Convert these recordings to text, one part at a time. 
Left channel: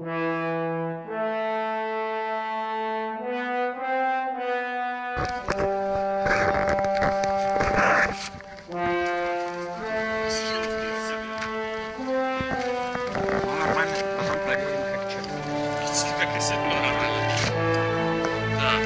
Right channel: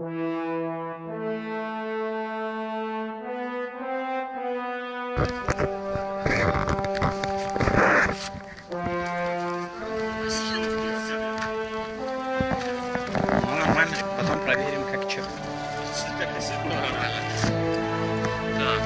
Нормально, потом проверим, как что. Как если нормально. Так.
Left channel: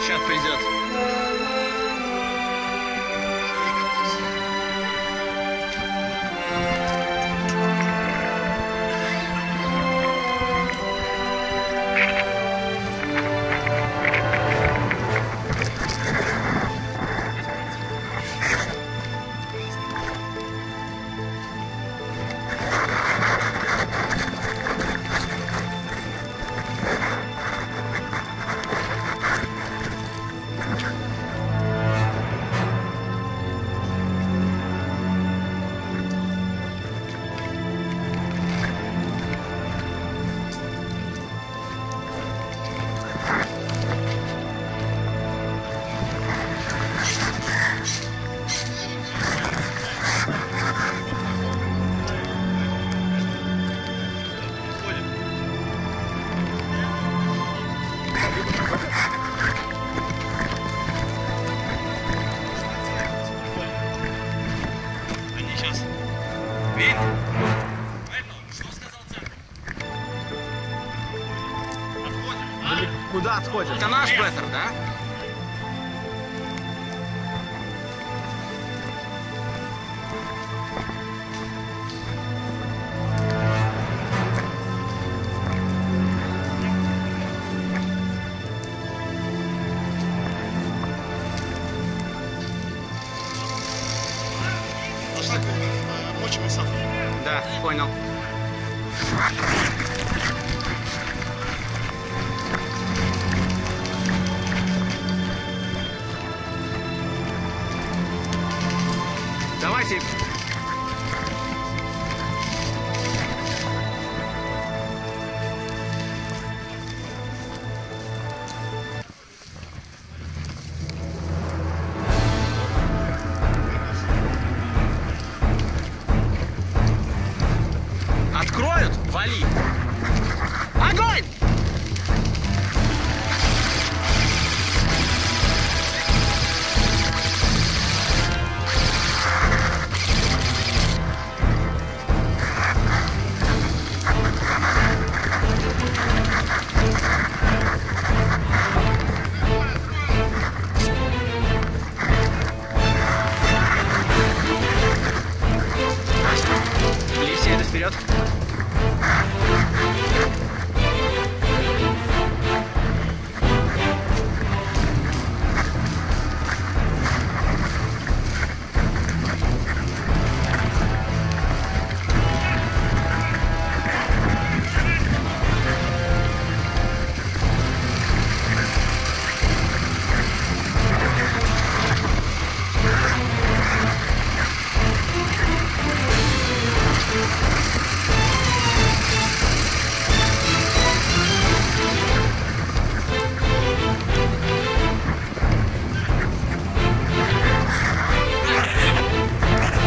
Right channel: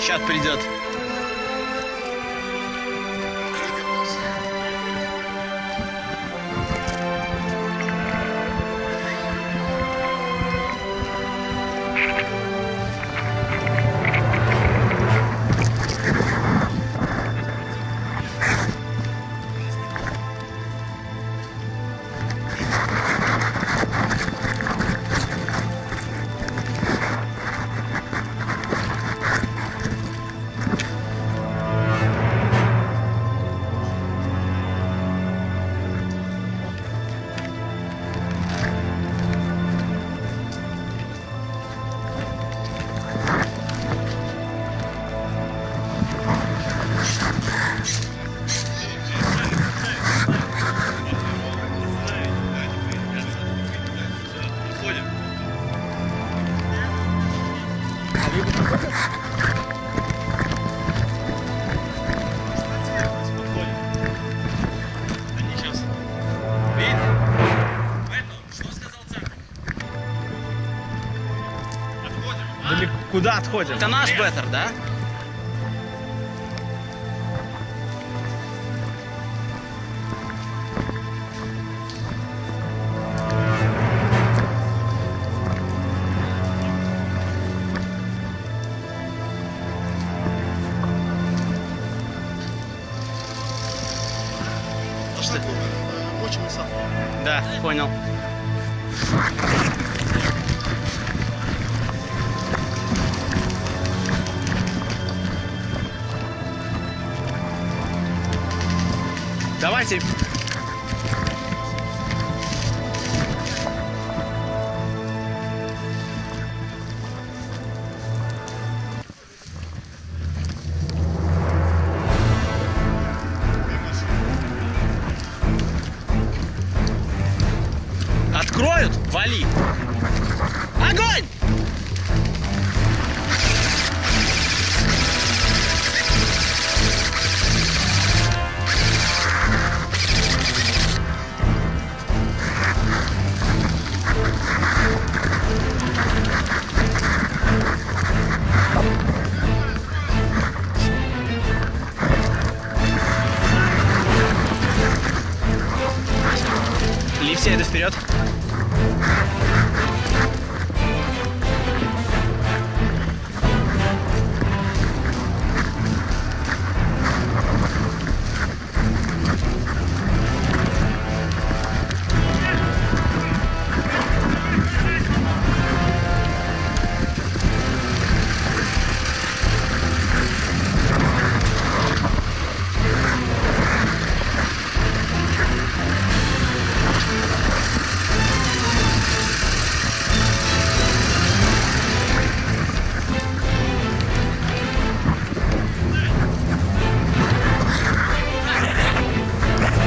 Сейчас придет. Они сейчас. Видите? Что сказал центр? Отходим. Куда отходим? Это наш беттер, да? Мочим и сам. Да, понял. Давайте. Откроют? Вали. Огонь! Лифт едет вперед.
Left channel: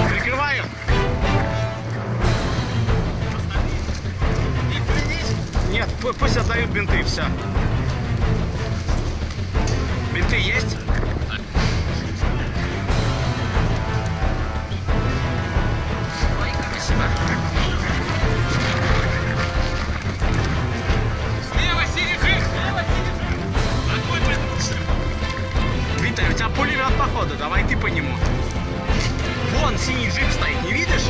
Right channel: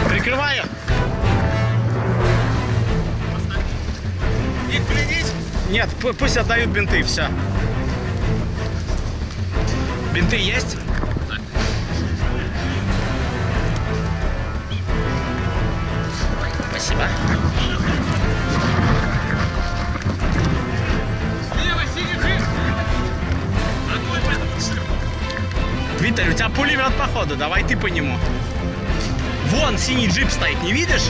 Прикрываю. Их пленить? Нет, пусть отдают бинты, все. Бинты есть? Спасибо. Слева синий джип! Слева синий! Огонь по этому джипу! Виталь, у тебя пулемет походу, давай ты по нему. Вон синий джип стоит, не видишь?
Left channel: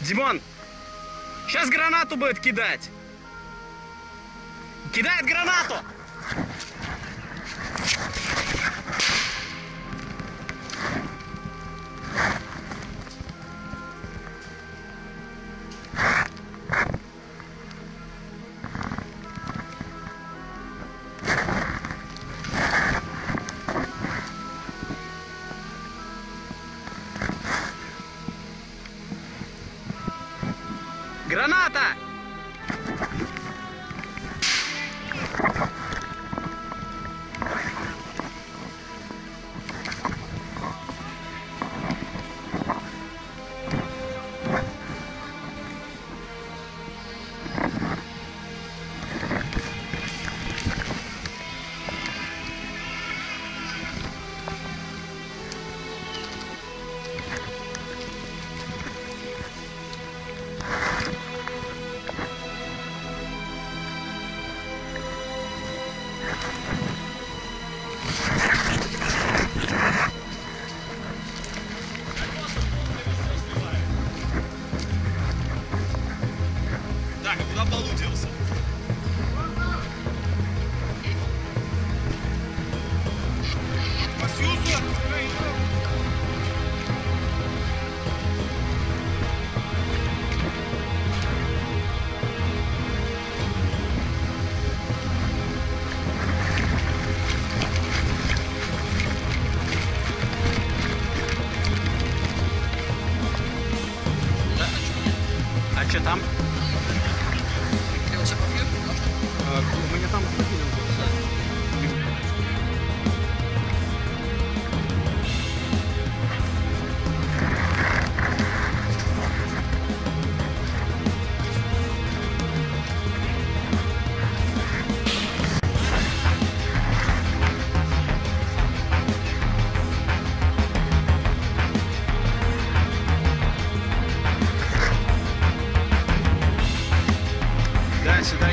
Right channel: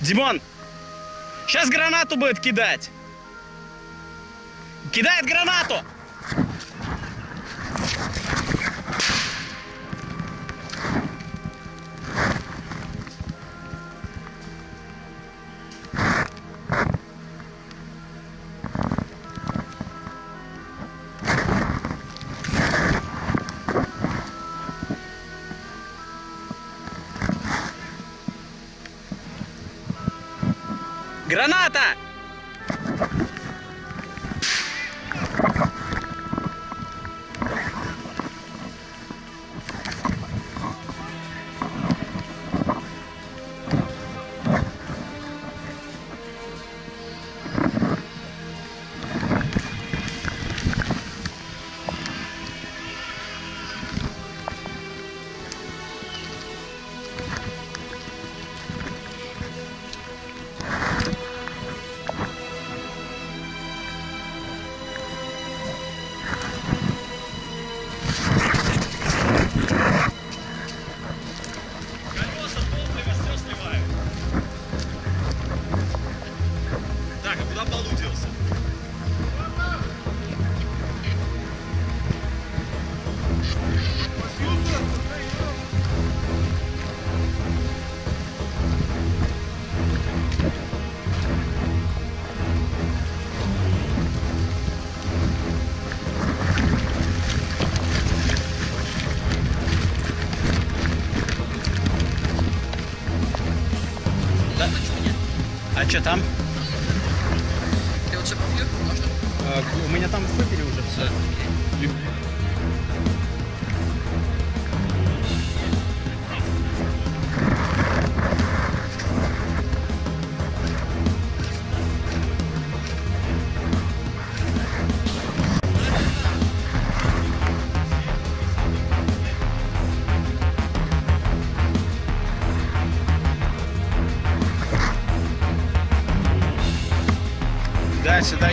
Димон, сейчас гранату будет кидать. Кидает гранату! Граната! А что там? Я вот сейчас попью, можно? У меня там выпили уже все. Да, сюда.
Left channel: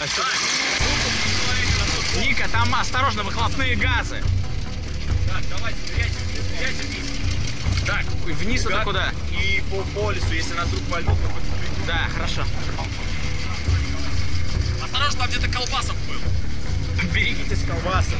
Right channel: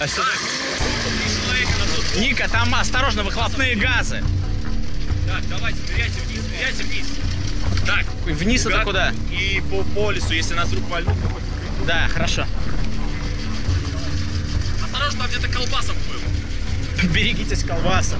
А что? Ника, там осторожно, выхлопные газы. Так, давайте, ныряйте вниз. Так, вниз это куда? И по лесу, если нас вдруг вольнут, мы хоть придем. Да, хорошо. Осторожно, там где-то колбасов был. Берегитесь колбасов.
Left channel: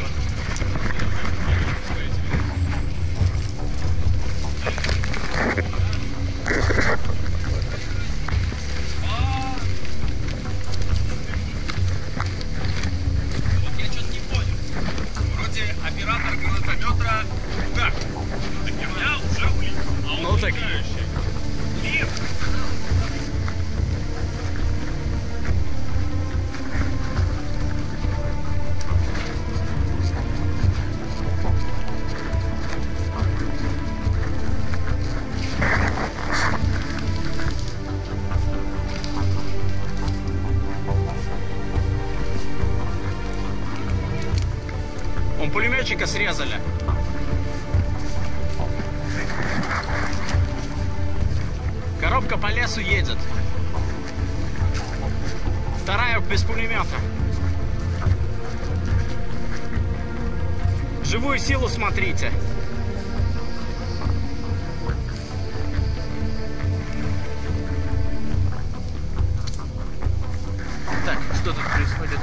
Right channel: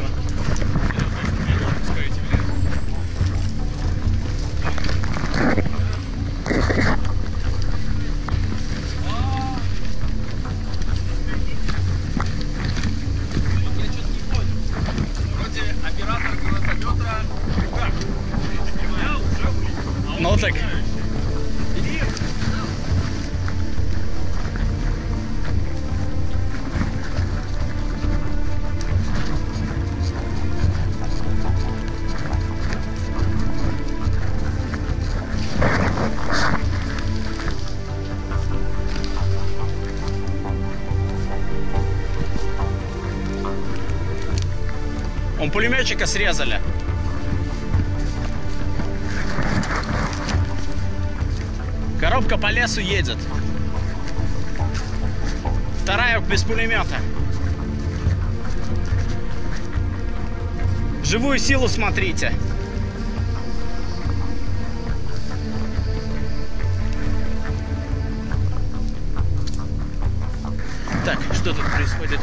Оператор гранатомета. Так, я уже был. Ну так. Он пулеметчика срезали. Коробка по лесу едет. Вторая без пулемета. Живую силу смотрите. Так, что тут происходит?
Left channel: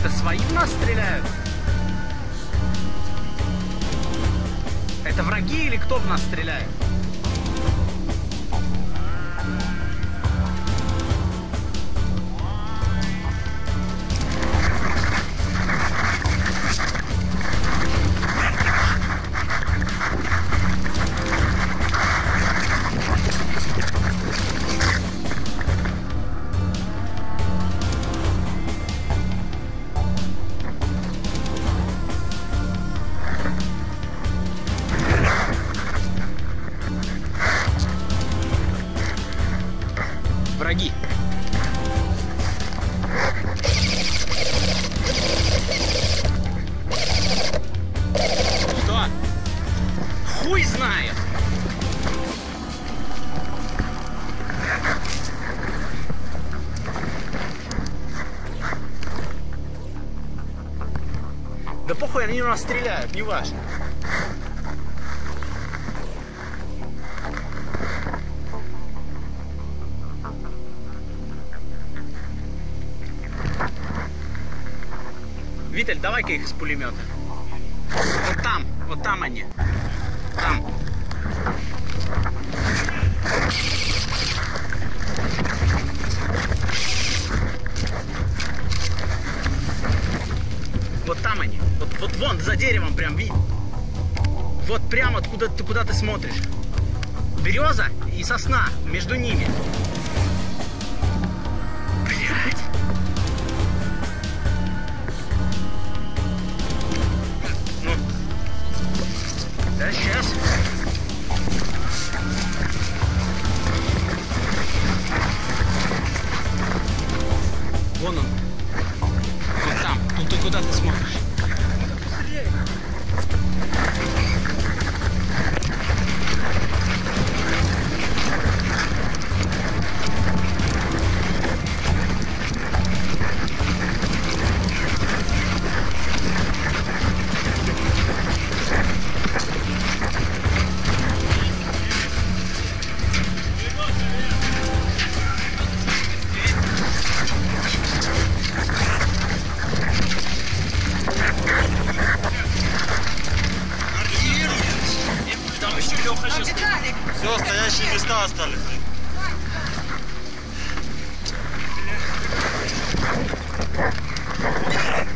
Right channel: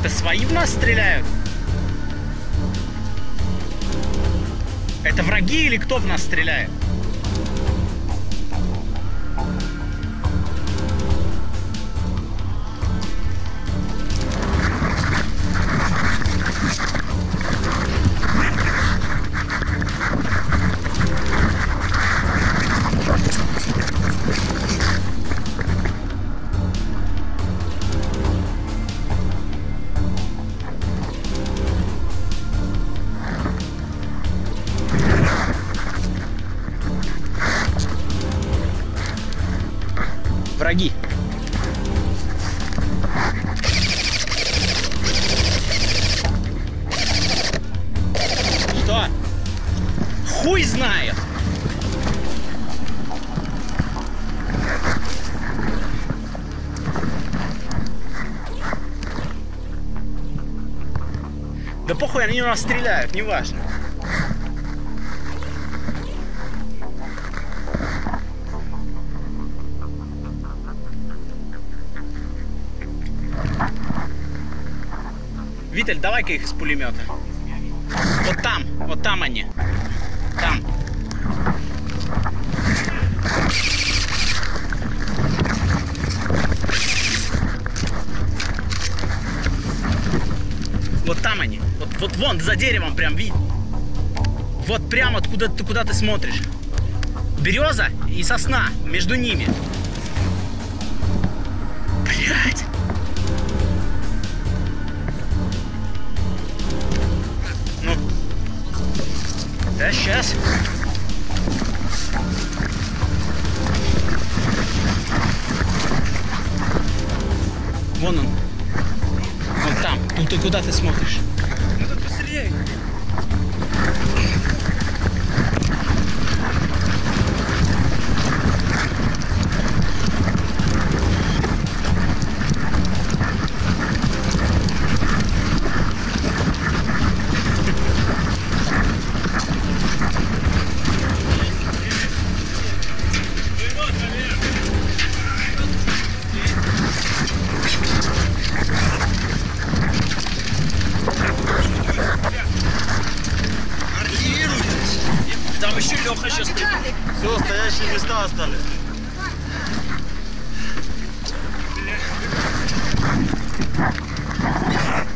Это свои в нас стреляют? Это враги или кто в нас стреляет? Враги. Что? Хуй знает. Да похуй, они у нас стреляют, неважно. Виталь, давай-ка их из пулемета. Вот там они. Там. Вот там они. Вот вон, за деревом прям, видишь? Вот прямо куда ты смотришь. Береза и сосна между ними. Блядь. Ну. Да, сейчас. Вон он. Вот там. Тут ты куда ты смотришь? Ну так постреляй. Там еще Леха сейчас стоит. Все, стоящие места остались.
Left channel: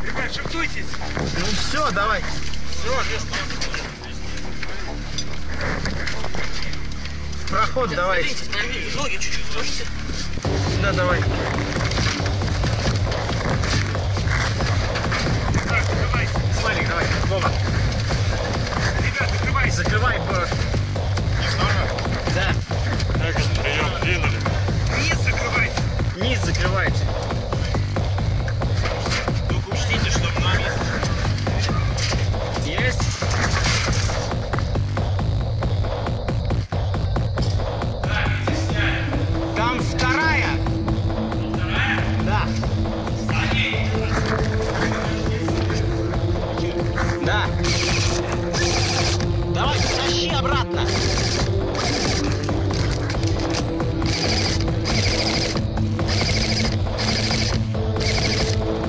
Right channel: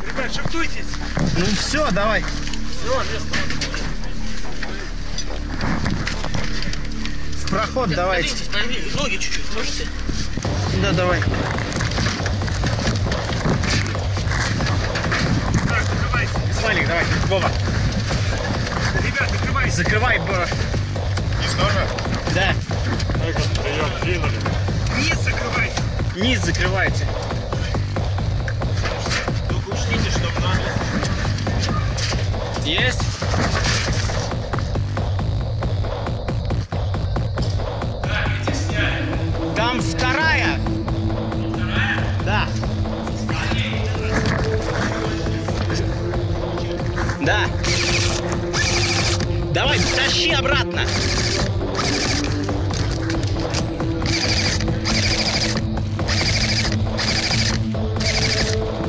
Ребят, шептуйтесь. Ну все, давай. Все, место. В проход давайте. Ноги чуть-чуть можете? Да, давай. Так, закрывайте. Смайлик, давай. Вова. Ребят, закрывайте. Закрывай. Не сложно? Да. Прием, двинули. Низ закрывайте. Низ закрывайте. Только учтите, что нам Есть? Там вторая. Да. Да. Давай, тащи обратно.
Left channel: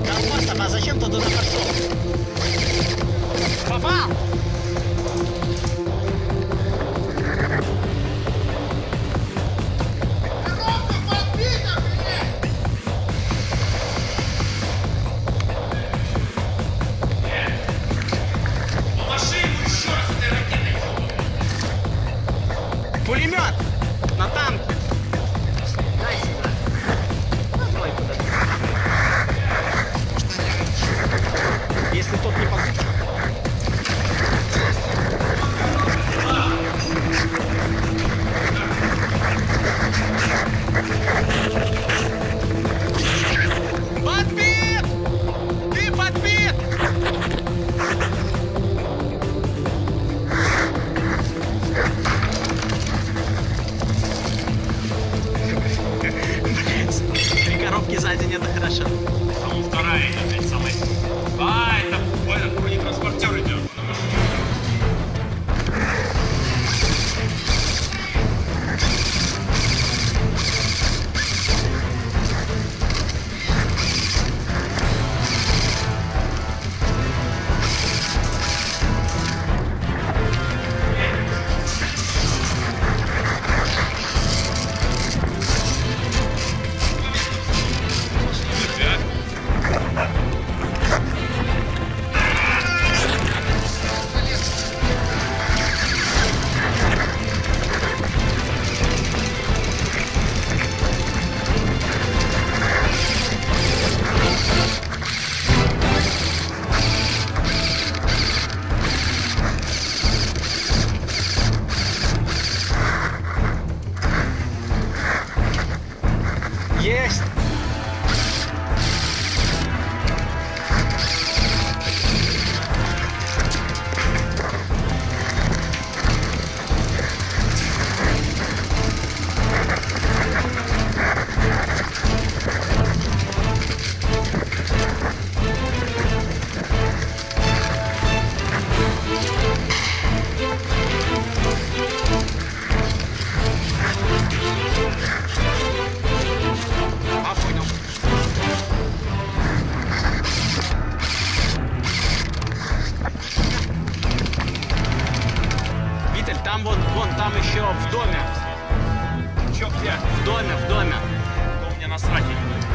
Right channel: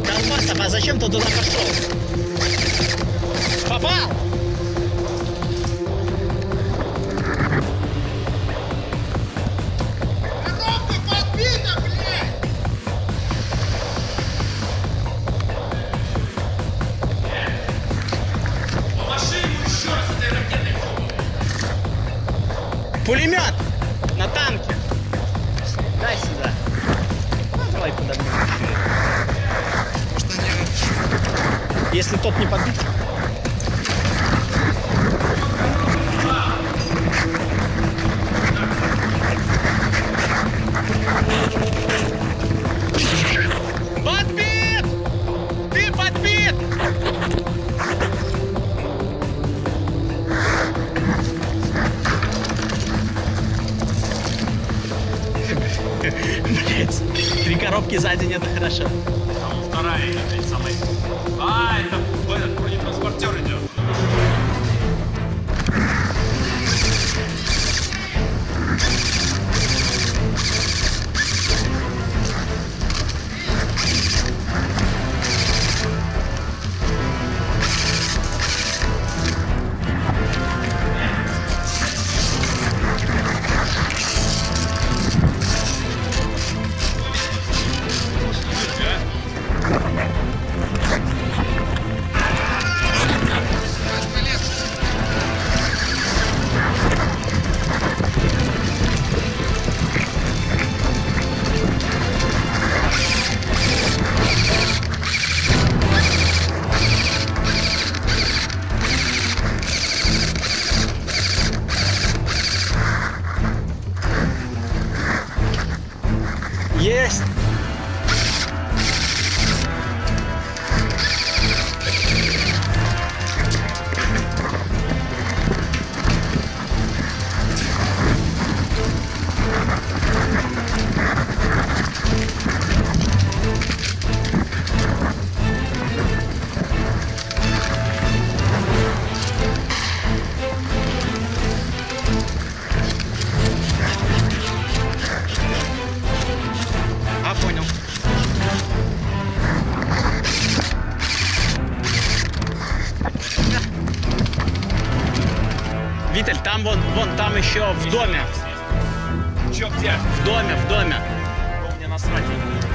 Колбаса, а зачем ты туда пошел? Попал! Пулемет на танке. Дай сюда. Ну, давай подожди. Если тот не подбит. Подбит! Ты подбит! Блять, 3 коробки за день это хорошо. Там вторая идет, самая. А, это бронетранспортер идет. там вон там еще в доме. Чё, где? В доме. Ну, мне насрать, я не буду.